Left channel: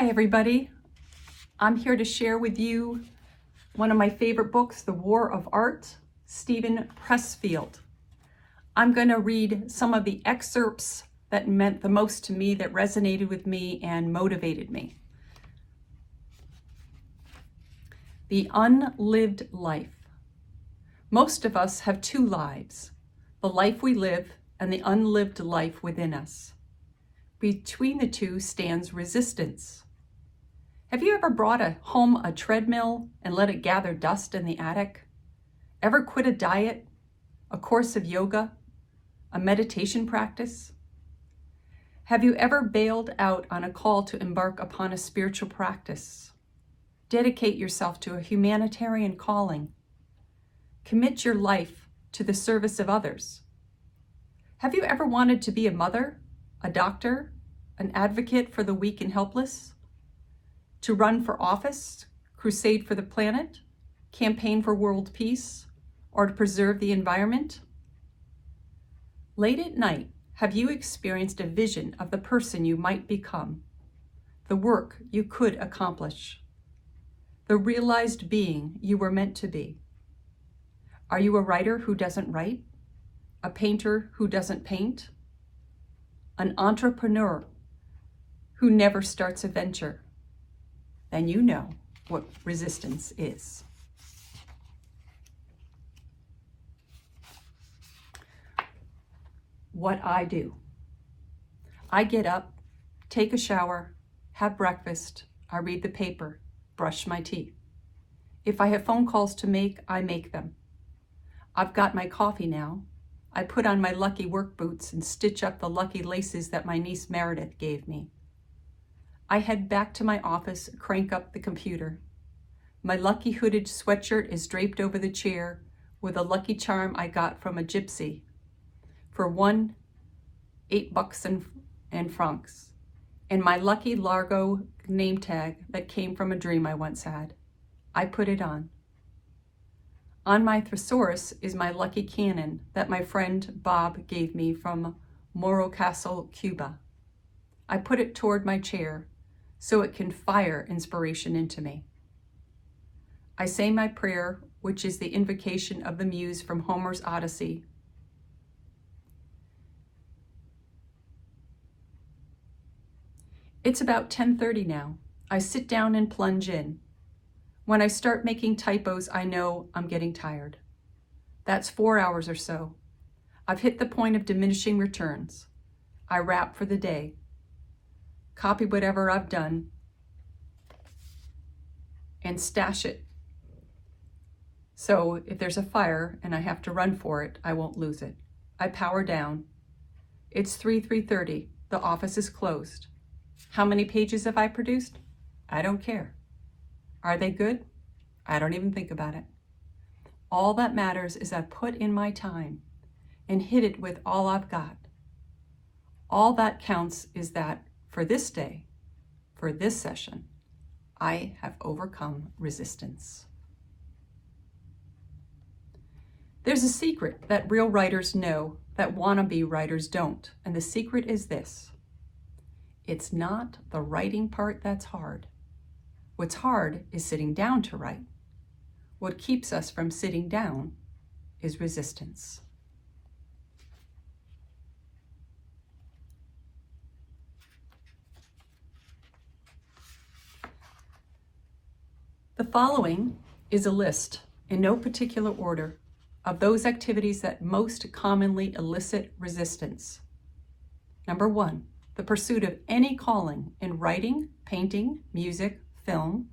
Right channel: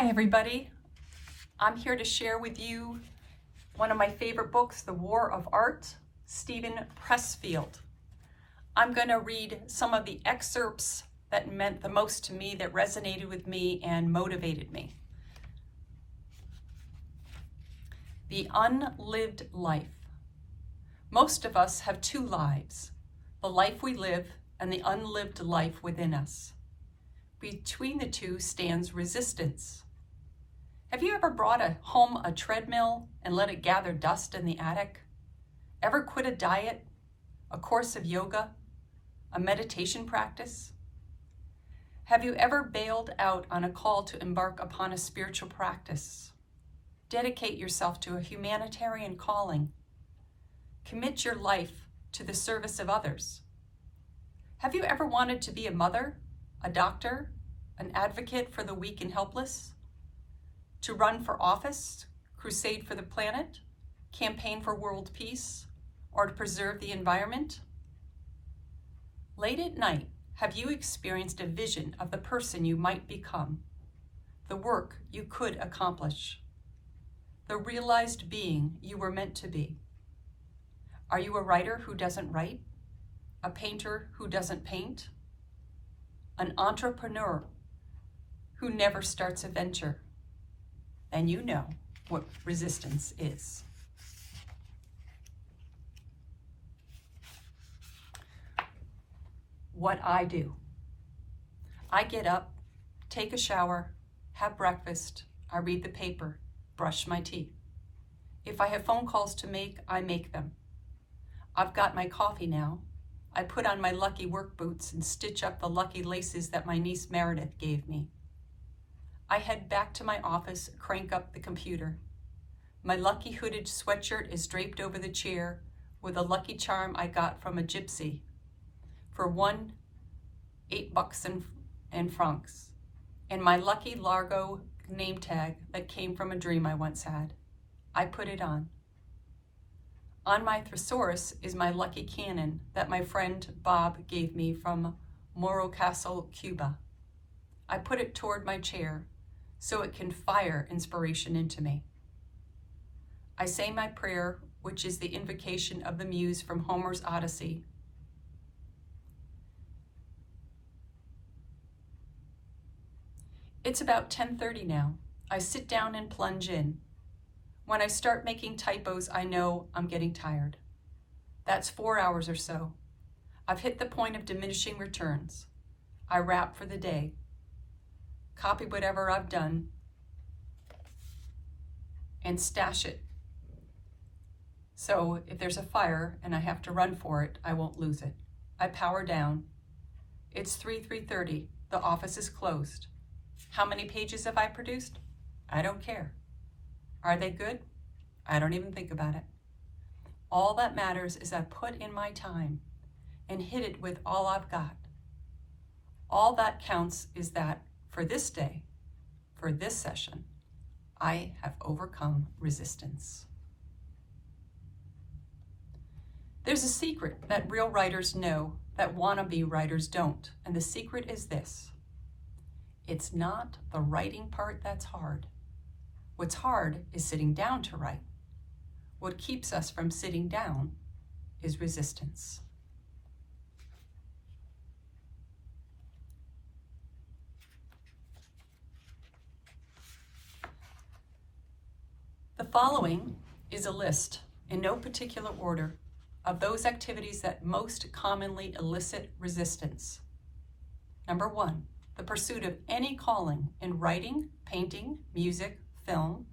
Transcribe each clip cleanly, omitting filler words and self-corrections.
Hi everybody, I'm here to share with you one of my favorite books, The War of Art, Stephen Pressfield. I'm going to read some of the excerpts that meant the most to me, that resonated with me and motivated me. The unlived life. Most of us have two lives, the life we live and the unlived life within us. Between the two stands resistance. Have you ever brought home a treadmill and let it gather dust in the attic? Ever quit a diet, a course of yoga, a meditation practice? Have you ever bailed out on a call to embark upon a spiritual practice? Dedicate yourself to a humanitarian calling. Commit your life to the service of others. Have you ever wanted to be a mother, a doctor, an advocate for the weak and helpless? To run for office, crusade for the planet, campaign for world peace, or to preserve the environment? Late at night, have you experienced a vision of the person you might become, the work you could accomplish, the realized being you were meant to be? Are you a writer who doesn't write? A painter who doesn't paint? An entrepreneur who never starts a venture? Then you know what resistance is. What I do. I get up, take a shower, have breakfast, I read the paper, brush my teeth. If I have phone calls to make, I make them. I've got my coffee now. I put on my lucky work boots and stitch up the lucky laces that my niece Meredith gave me. I head back to my office, crank up the computer. My lucky hooded sweatshirt is draped over the chair with a lucky charm I got from a gypsy for $8 and francs, and my lucky Largo name tag that came from a dream I once had. I put it on. On my thesaurus is my lucky cannon that my friend Bob gave me from Morro Castle, Cuba. I put it toward my chair so it can fire inspiration into me. I say my prayer, which is the invocation of the muse from Homer's Odyssey. It's about 10:30 now. I sit down and plunge in. When I start making typos, I know I'm getting tired. That's 4 hours or so. I've hit the point of diminishing returns. I wrap for the day. Copy whatever I've done and stash it. So if there's a fire and I have to run for it, I won't lose it. I power down. It's 3:30. The office is closed. How many pages have I produced? I don't care. Are they good? I don't even think about it. All that matters is I put in my time and hit it with all I've got. All that counts is that for this day, for this session, I have overcome resistance. There's a secret that real writers know that wannabe writers don't, and the secret is this. It's not the writing part that's hard. What's hard is sitting down to write. What keeps us from sitting down is resistance. The following is a list, in no particular order, of those activities that most commonly elicit resistance. Number 1, the pursuit of any calling in writing, painting, music, film,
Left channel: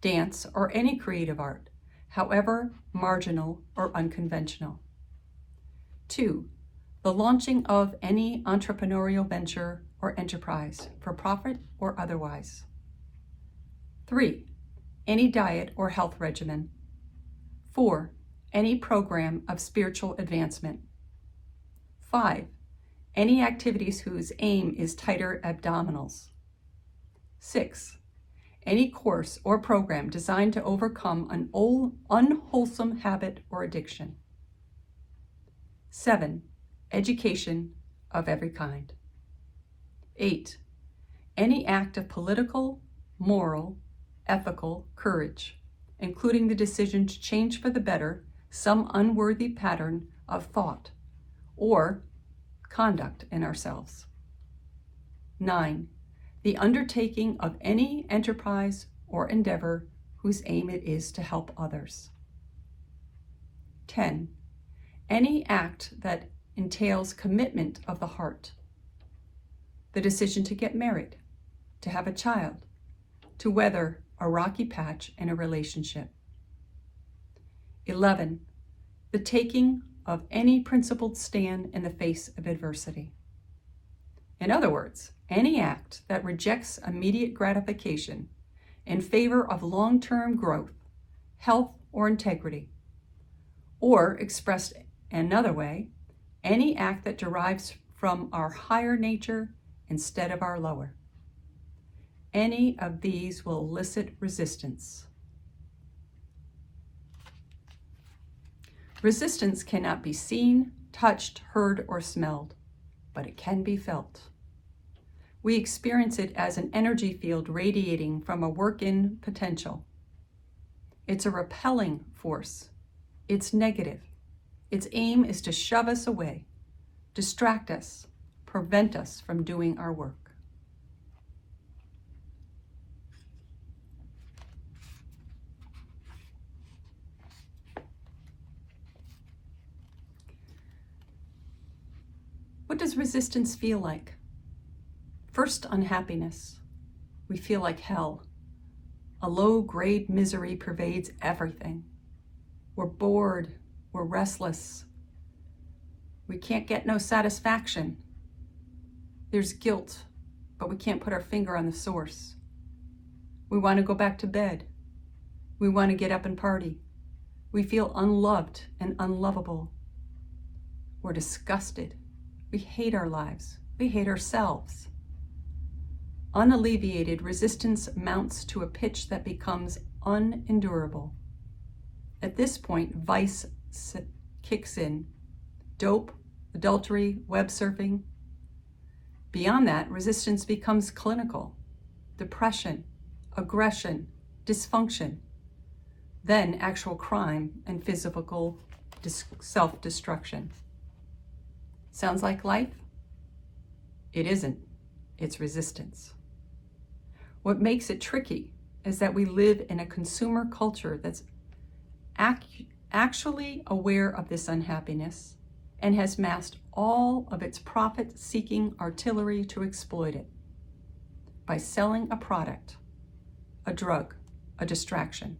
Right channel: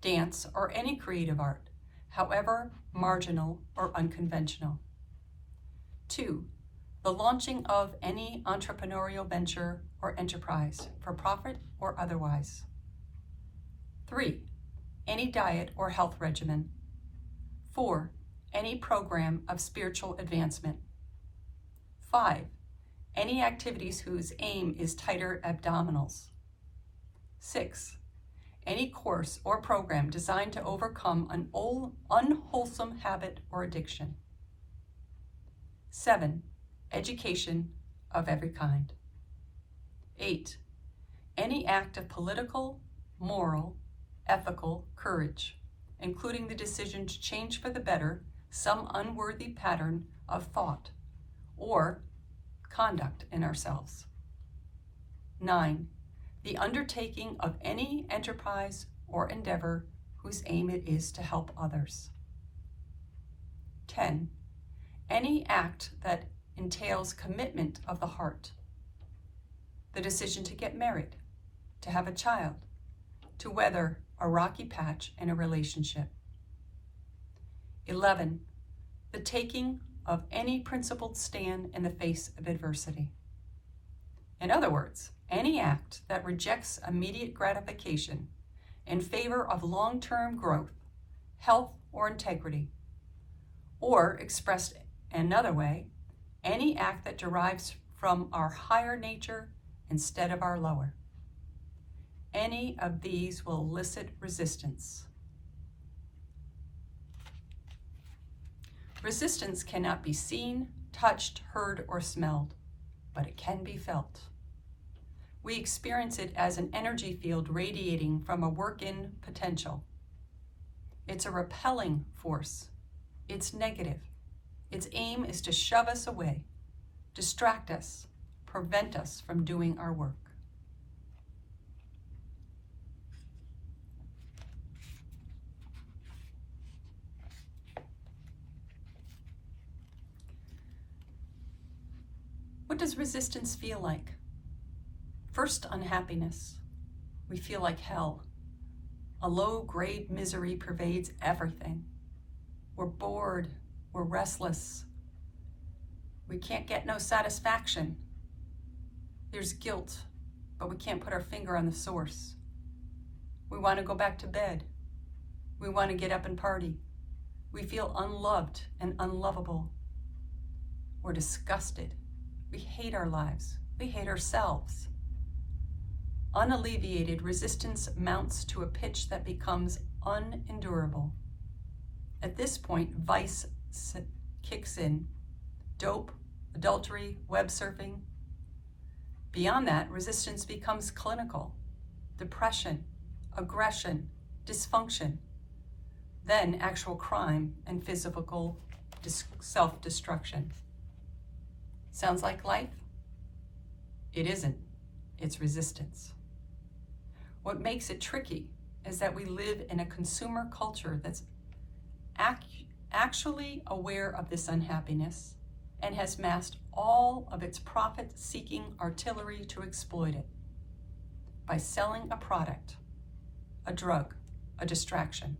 dance, or any creative art, however marginal or unconventional. 2, the launching of any entrepreneurial venture or enterprise, for profit or otherwise. 3, any diet or health regimen. 4, any program of spiritual advancement. 5, any activities whose aim is tighter abdominals. 6, any course or program designed to overcome an unwholesome habit or addiction. 7, education of every kind. 8, any act of political, moral, ethical courage, including the decision to change for the better some unworthy pattern of thought or conduct in ourselves. 9. The undertaking of any enterprise or endeavor whose aim it is to help others. 10. Any act that entails commitment of the heart. The decision to get married, to have a child, to weather a rocky patch in a relationship. 11. The taking of any principled stand in the face of adversity. In other words, any act that rejects immediate gratification in favor of long-term growth, health, or integrity. Or, expressed another way, any act that derives from our higher nature instead of our lower. Any of these will elicit resistance. Resistance cannot be seen, touched, heard, or smelled, but it can be felt. We experience it as an energy field radiating from a work-in potential. It's a repelling force. It's negative. Its aim is to shove us away, distract us, prevent us from doing our work. What does resistance feel like? First, unhappiness. We feel like hell. A low-grade misery pervades everything. We're bored. We're restless. We can't get no satisfaction. There's guilt, but we can't put our finger on the source. We want to go back to bed. We want to get up and party. We feel unloved and unlovable. We're disgusted. We hate our lives. We hate ourselves. Unalleviated resistance mounts to a pitch that becomes unendurable. At this point, vice kicks in. Dope, adultery, web surfing. Beyond that, resistance becomes clinical. Depression, aggression, dysfunction. Then actual crime and physical self-destruction. Sounds like life? It isn't. It's resistance. What makes it tricky is that we live in a consumer culture that's actually aware of this unhappiness and has massed all of its profit-seeking artillery to exploit it by selling a product, a drug, a distraction.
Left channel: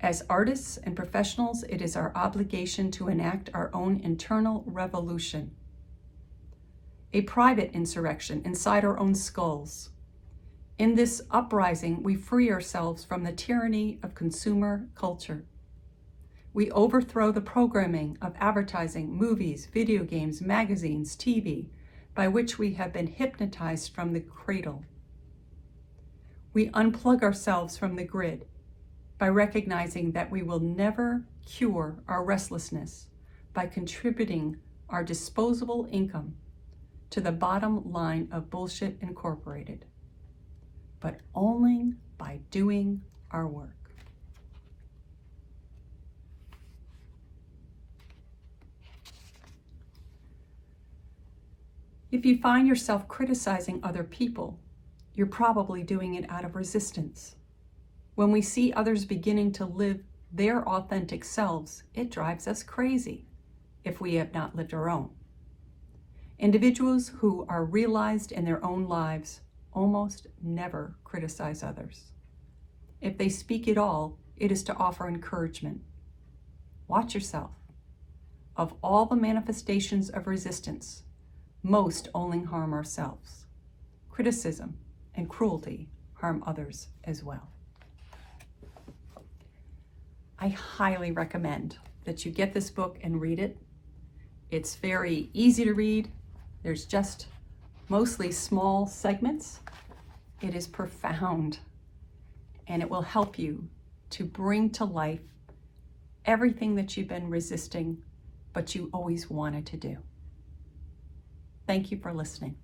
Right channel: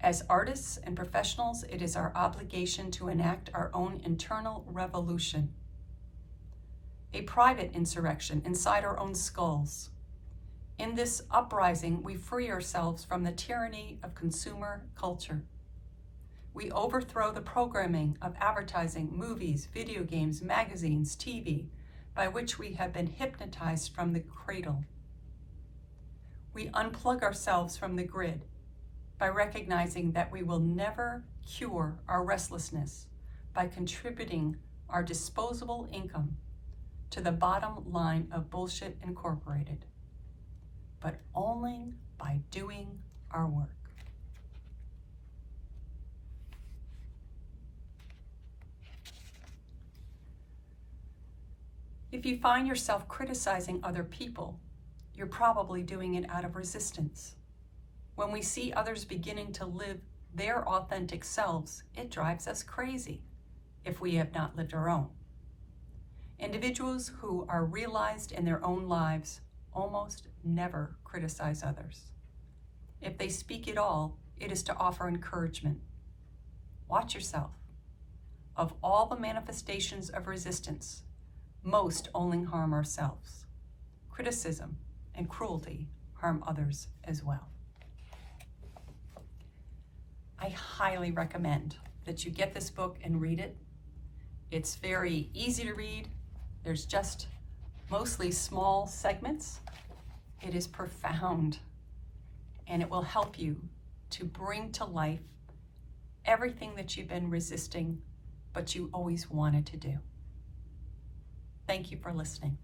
As artists and professionals, it is our obligation to enact our own internal revolution, a private insurrection inside our own skulls. In this uprising, we free ourselves from the tyranny of consumer culture. We overthrow the programming of advertising, movies, video games, magazines, TV, by which we have been hypnotized from the cradle. We unplug ourselves from the grid by recognizing that we will never cure our restlessness by contributing our disposable income to the bottom line of Bullshit Incorporated, but only by doing our work. If you find yourself criticizing other people, you're probably doing it out of resistance. When we see others beginning to live their authentic selves, it drives us crazy if we have not lived our own. Individuals who are realized in their own lives almost never criticize others. If they speak at all, it is to offer encouragement. Watch yourself. Of all the manifestations of resistance, most only harm ourselves. Criticism and cruelty harm others as well. I highly recommend that you get this book and read it. It's very easy to read. There's just mostly small segments. It is profound, and it will help you to bring to life everything that you've been resisting, but you always wanted to do. Thank you for listening.